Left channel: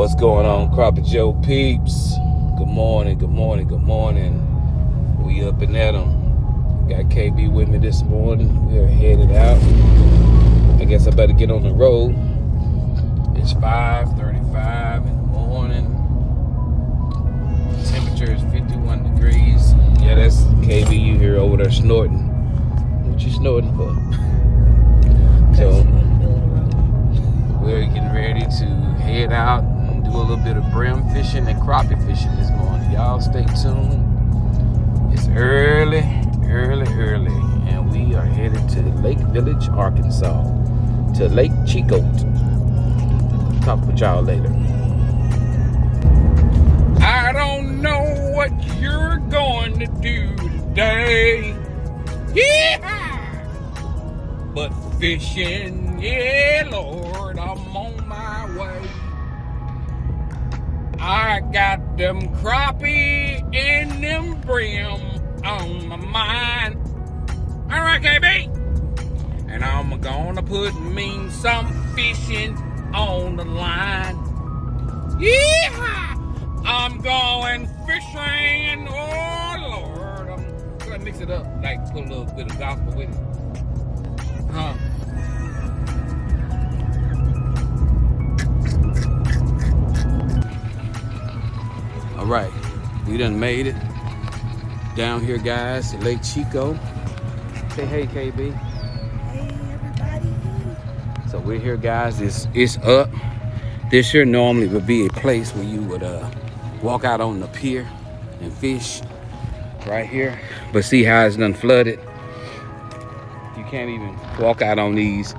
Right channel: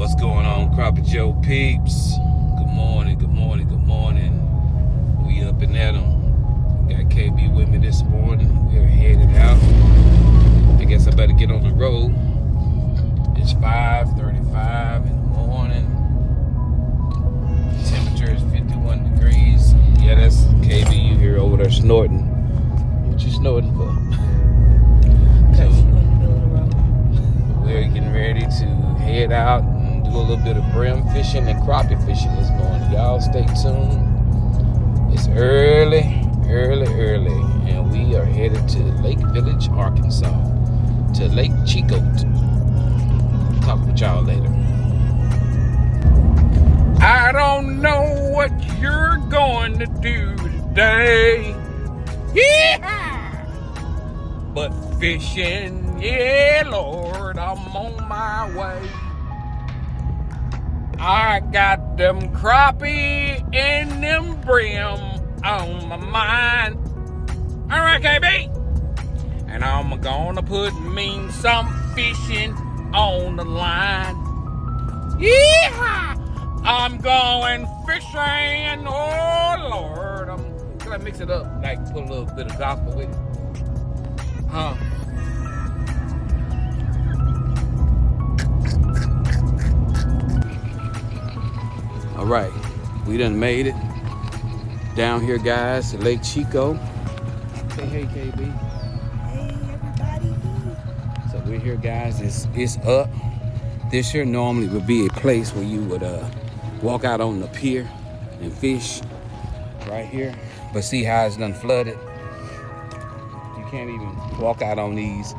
What's going on, Crappie Joe peeps? Good morning, good morning, good morning. We up and at 'em. Got KB with me this morning. We're headed out. I guess I better get on the road. It's 5:35 in the morning. Temperature is 51 degrees. Yeah, that's KB. You hear over there snorting. What you snorting for? So we're getting ready to head out and do a little bit of brim fishing and crappie fishing this morning. Y'all stay tuned. It's early, and we are headed to Lake Village, Arkansas, to Lake Chico. Talk with y'all later. I don't know what you're going to do today. Yeah! But fishing, yeah, Lord, I'm on my way. I got them crappie and them brim on my mind. All right, KB. And I'm gonna put me some fishing on the line. Yeah! I'm going fishing, oh Lord. I'm gonna mix it up, like put a little bit of gospel with it. Huh? All right, we done made it down here, guys, to Lake Chico. Say hey, KB. Hey, everybody. So we're here, guys. It's up. This here normally would be a place where you would walk out on the pier and fish right here. But see how it's done flooded? You can't even walk out on these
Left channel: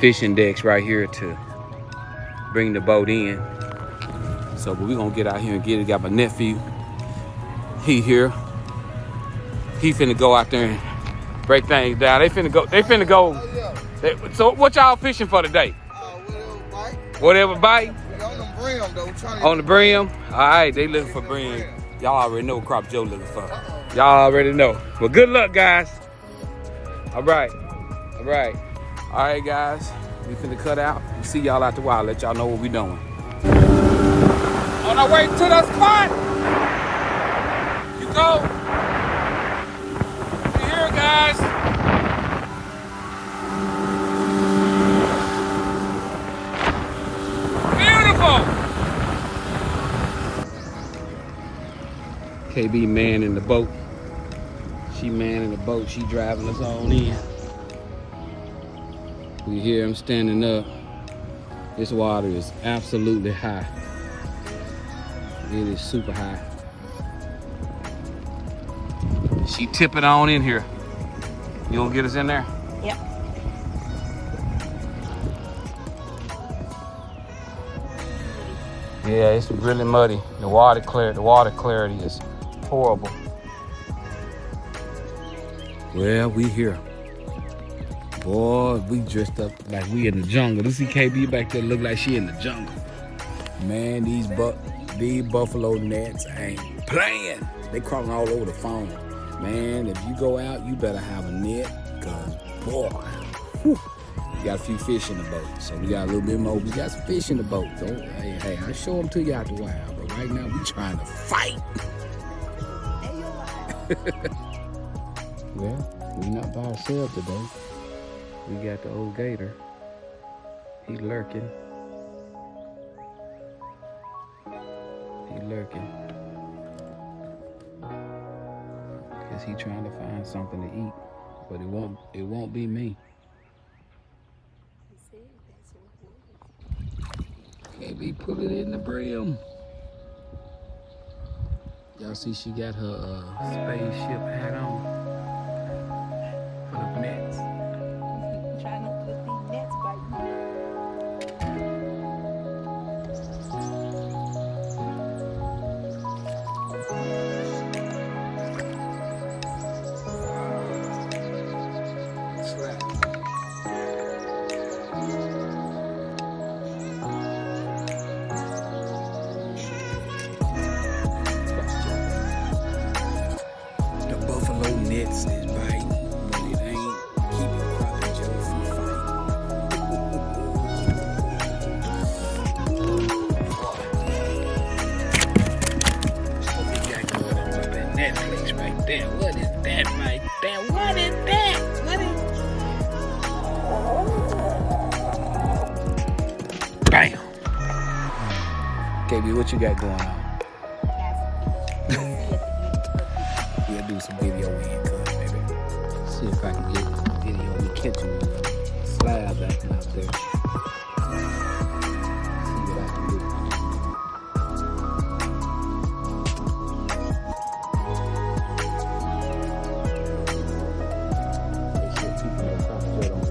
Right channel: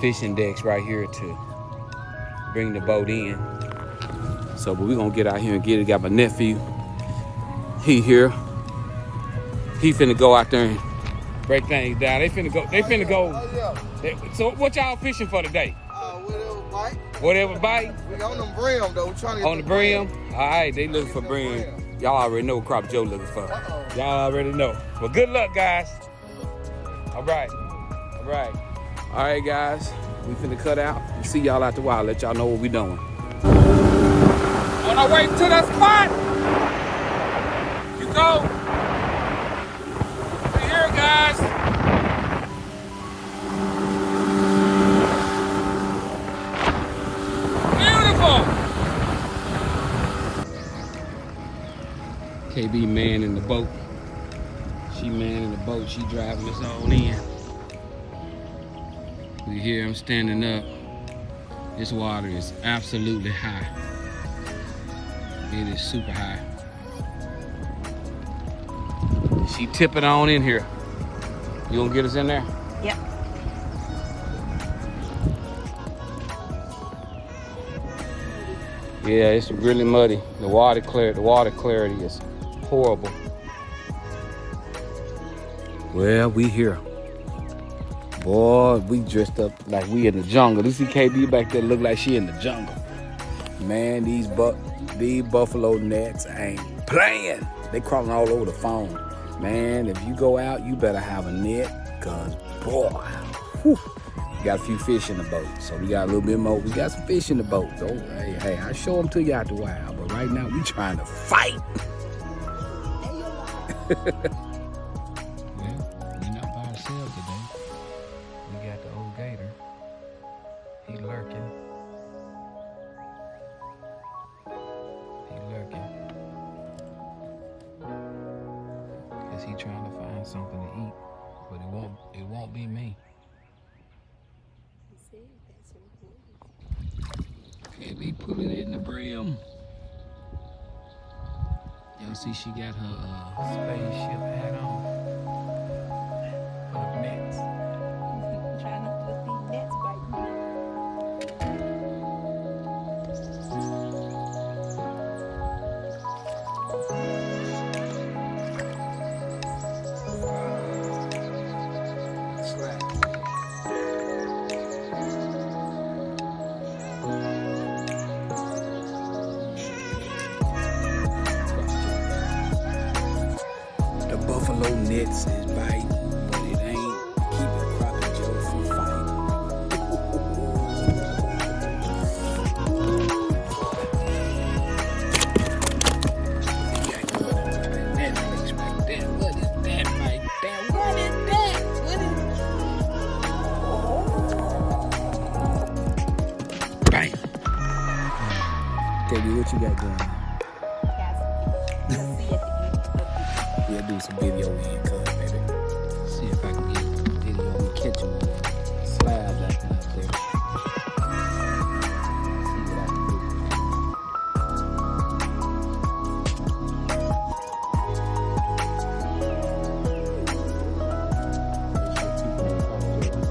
fishing decks right here to bring the boat in. So, but we're gonna get out here and get it. Got my nephew. He here. He finna go out there and break things down. They finna go. So what y'all fishing for today? Whatever bite. Whatever bite? We on them brim though. Trying to get On the brim? All right, they looking for brim. Y'all already know what Crappie Joe looking for. Y'all already know. Well, good luck, guys. All right. All right. All right, guys. We finna cut out. We'll see y'all out the wild. Let y'all know what we doing. On our way to the spot. You go. We're here, guys. KB man in the boat. She man in the boat. She driving us on in. We hear him standing up. This water is absolutely high. It is super high. She tipping on in here. You gonna get us in there? Yep. Yeah, it's really muddy. The water clarity is horrible. Well, we here. Boy, we dressed up like we in the jungle. You see KB back there look like she in the jungle. Man, these buffalo nets ain't playing. They crawling all over the phone. Man, if you go out, you better have a net, cause boy, whew, we got a few fish in the boat. So we got a little bit more. We got some fish in the boat. So hey, I show them to you out the wild. But right now we trying to fight. Well, we not by ourselves today. We got the old gator. He lurking. Cause he trying to find something to eat, but it won't be me. KB put it in the brim. Y'all see she got her spaceship hat on for the nets. Try not to let these nets bite me. The buffalo nets is biting, but it ain't keeping Crappie Joe from fighting. Bam. KB, what you got going on? We'll do some video in, cuz, baby. See if I can get video of me catching one of them slabs acting out there. See what I can do. They should keep me across the road.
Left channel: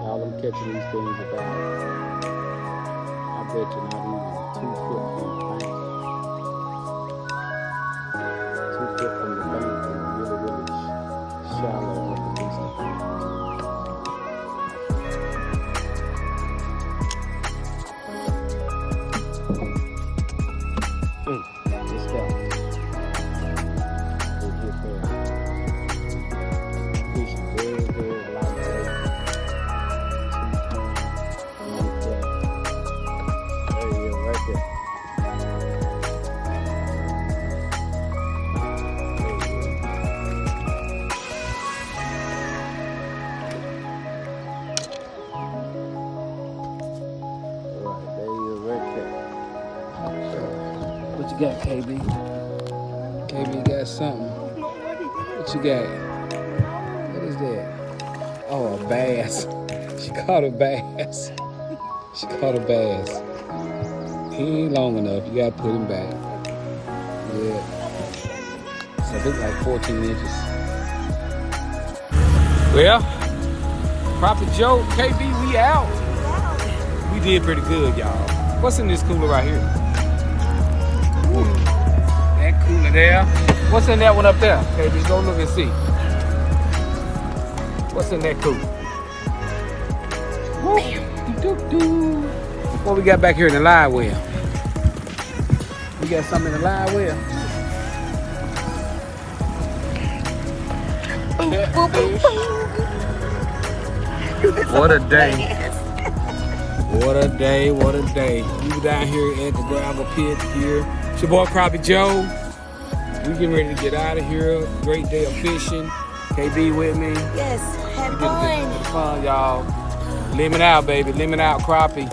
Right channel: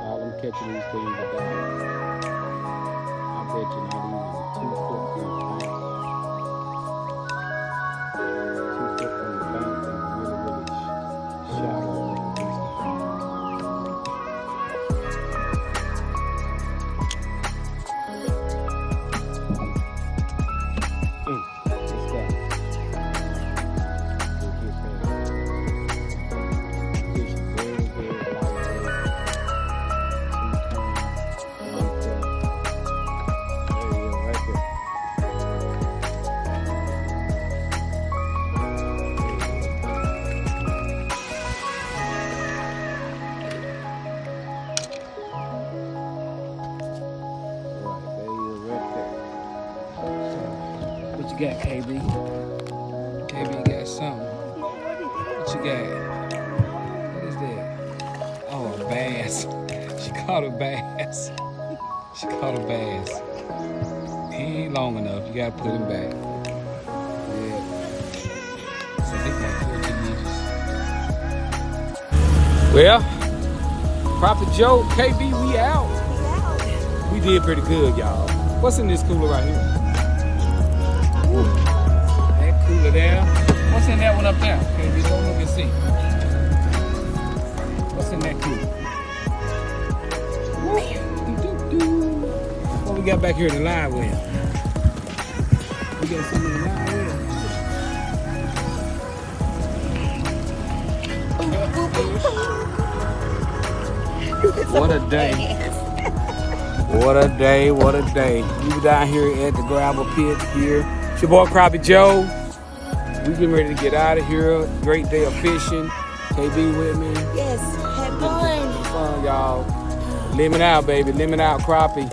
All I'm catching these things about, I bet you not even 2 foot from the bank. 2 foot from the bank is really, really shallow up against the bank. Let's go. We'll hit there. Fish is very, very lightweight. 2 pounds, 1 foot. There you go, right there. Right, there you go, right there. So, what you got, KB? KB got something. What you got? What is that? Oh, a bass. She caught a bass. She caught a bass. He ain't long enough. You gotta put him back. Yeah. So I think like 14 inches. Well, Crappie Joe, KB, we out. We did pretty good, y'all. What's in this cooler right here? That cooler there. What's in that one up there? Okay, just go look and see. What's in that cooler? What we got back here in the live well? We got something in the live well. What a day. What a day, what a day. We were down here at the gravel pit here. It's your boy Crappie Joe. We getting ready to get out of here. Great day of fishing. KB with me. Yes, have Fun, fun. y'all. Limit out, baby. Limit out crappie.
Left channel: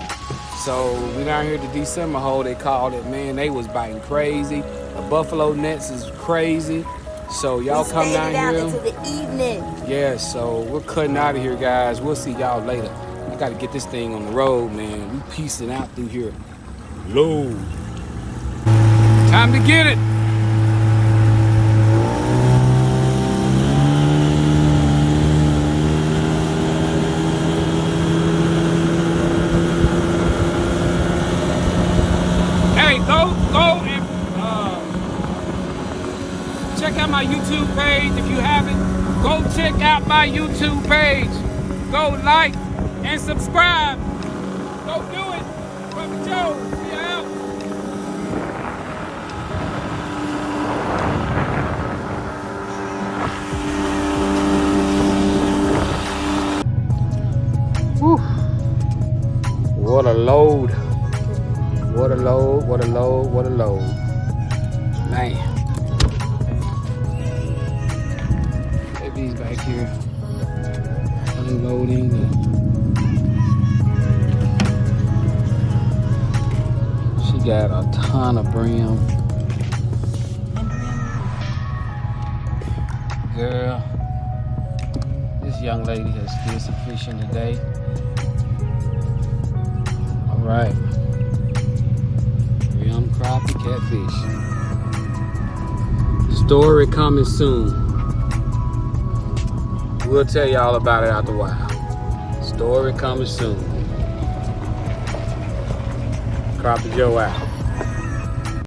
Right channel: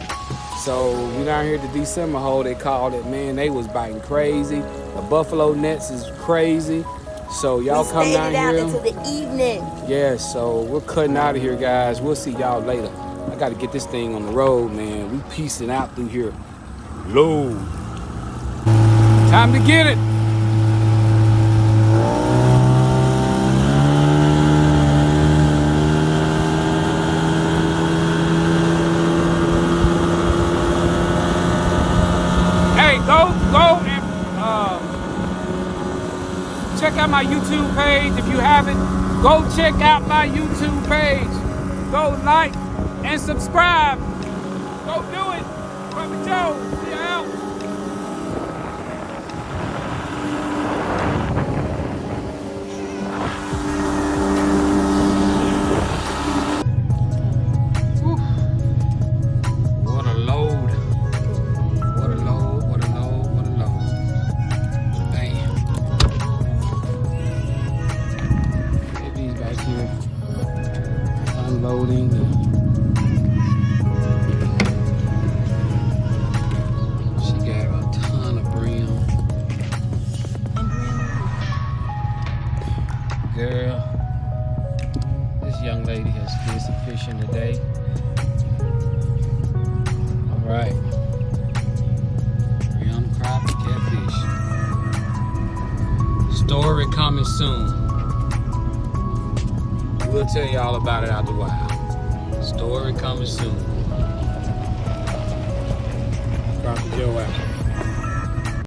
So we down here at the December hole, they called it. Man, they was biting crazy. The buffalo nets is crazy. So y'all come down here. Into the evening. Yeah, so we're cutting out of here, guys. We'll see y'all later. I got to get this thing on the road, man. We piecing out through here. Low. Time to get it. Hey, go and check out my YouTube page if you haven't. Go check out my YouTube page. Go like and subscribe. Go do it. Crappie Joe, see you out. Whew. What a load. What a load, what a load, what a load. Man. Baby's back here unloading. She got a ton of brim. Girl, this young lady has did some fishing today. All right. Crappie catfish. Story coming soon. We'll tell y'all about it after a while. Story coming soon. Crappie Joe out.